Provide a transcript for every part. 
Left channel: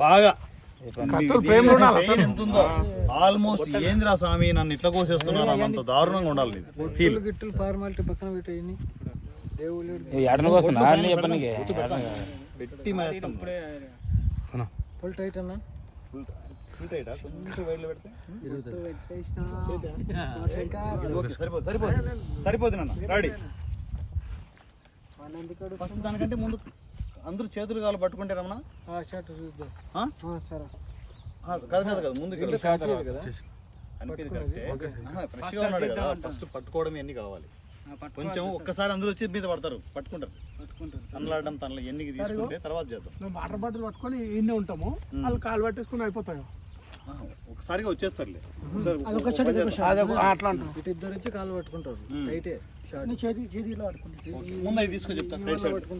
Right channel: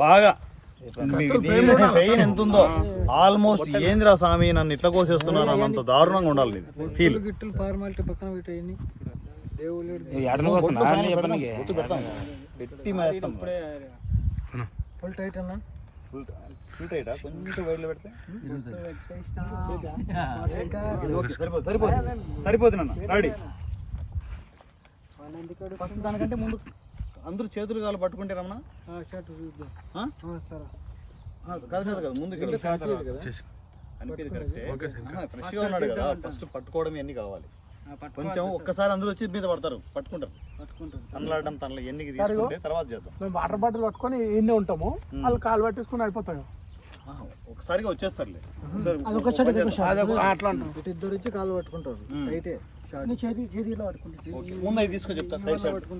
బాగా ట్రైన్ ఎంత ఉందో ఆల్మోస్ట్ ఏందిరా స్వామి నన్ను ఇట్లా కోసేస్తున్నారు అంత దారుణంగా ఉండాలి ఫీల్ గిట్టులు ఫార్మాలిటీ పక్కన పెట్టేయని పెట్టి మేస్తాం ఫుల్ టైట్ అన్నా కొంచెం వైడ్లో పెడితే సరిపోతుంది నన్ను రెడీ ఫస్ట్ దానికంటే ముందు అందరూ చేతులు కాలు పట్టుకుంటే రమణ కాదు ముందు అనిపించింది కరెక్టే ఫ్రెష్గా ఉన్నాడు కదా ఫస్ట్ పట్టుకోవడం ఇవన్నీ కావాలి కొంచెం ఒక్కసారి అందరూ వచ్చి మీద పడతారు పట్టుకుంటారు తనలాడడం తనలో ఎన్ని తీసుకుంటే తర్వాత చేద్దాం. మేము వాటర్ బాటిల్ పట్టుకొని ఇన్నే ఉంటాము వాళ్ళు కాలు పట్టేసుకుని అయిపోతాయి ఒకసారిగా వచ్చేస్తారు అట్లా అంటారు ఇద్దరు వచ్చి కాలు పట్టుకుంటారు టైటే చేతిలో పట్టుకుంటారు ముందు అవి తీసుకొని చెప్తాను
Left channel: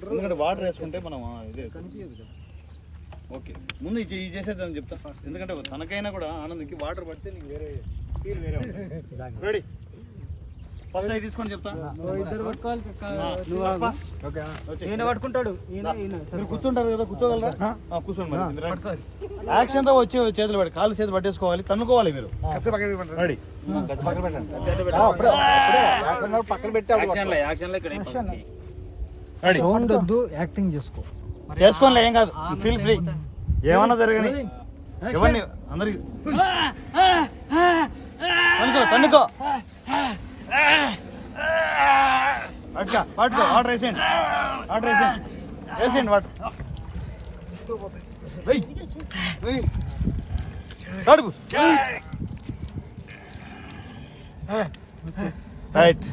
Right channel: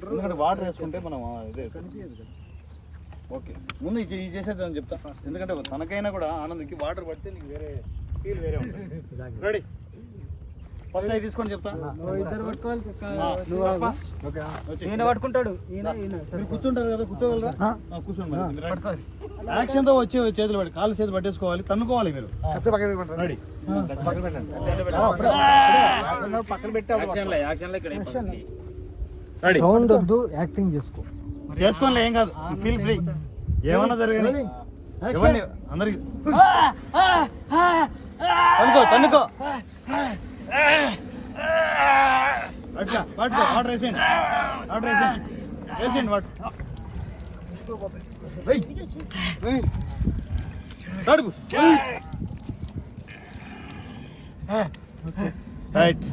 ఎందుకంటే వాటర్ వేసుకుంటే మనం ఇదే ఓకే ముందు ఇది చేసేద్దాం చెప్తా ఎందుకంటే తనకైనా కూడా ఆనందంకి వాటర్ పడితే నీకు వేరే ఫీల్ వేరే ఉంటుంది. రెడీ ఫస్ట్ అవి తీసుకొని చెప్తా ఇద్దరు పట్టుకోవాలి పట్టుకుంటాడు మీరు కూర్చుంటారు కదా కూర్చోగలరా కూర్చోండి యాక్షన్ తో వచ్చి చేతులు పడి కాళ్ళు చేతులు పట్టేసుకోవాలి తన్నుకోవాలి మీరు రెడీ పక్కన పెట్టి సౌండ్ వద్దు యాక్టింగ్ చేసుకో చేసుకోండి ఏం కాదు ఫీల్ ఫ్రీ ఏమన్నా జరగని ఎవరిని అందరికి తన్నుకో అట్లా పట్టుకో ఆర్డర్ వేసేయండి వేసేయండి వాటర్ రైట్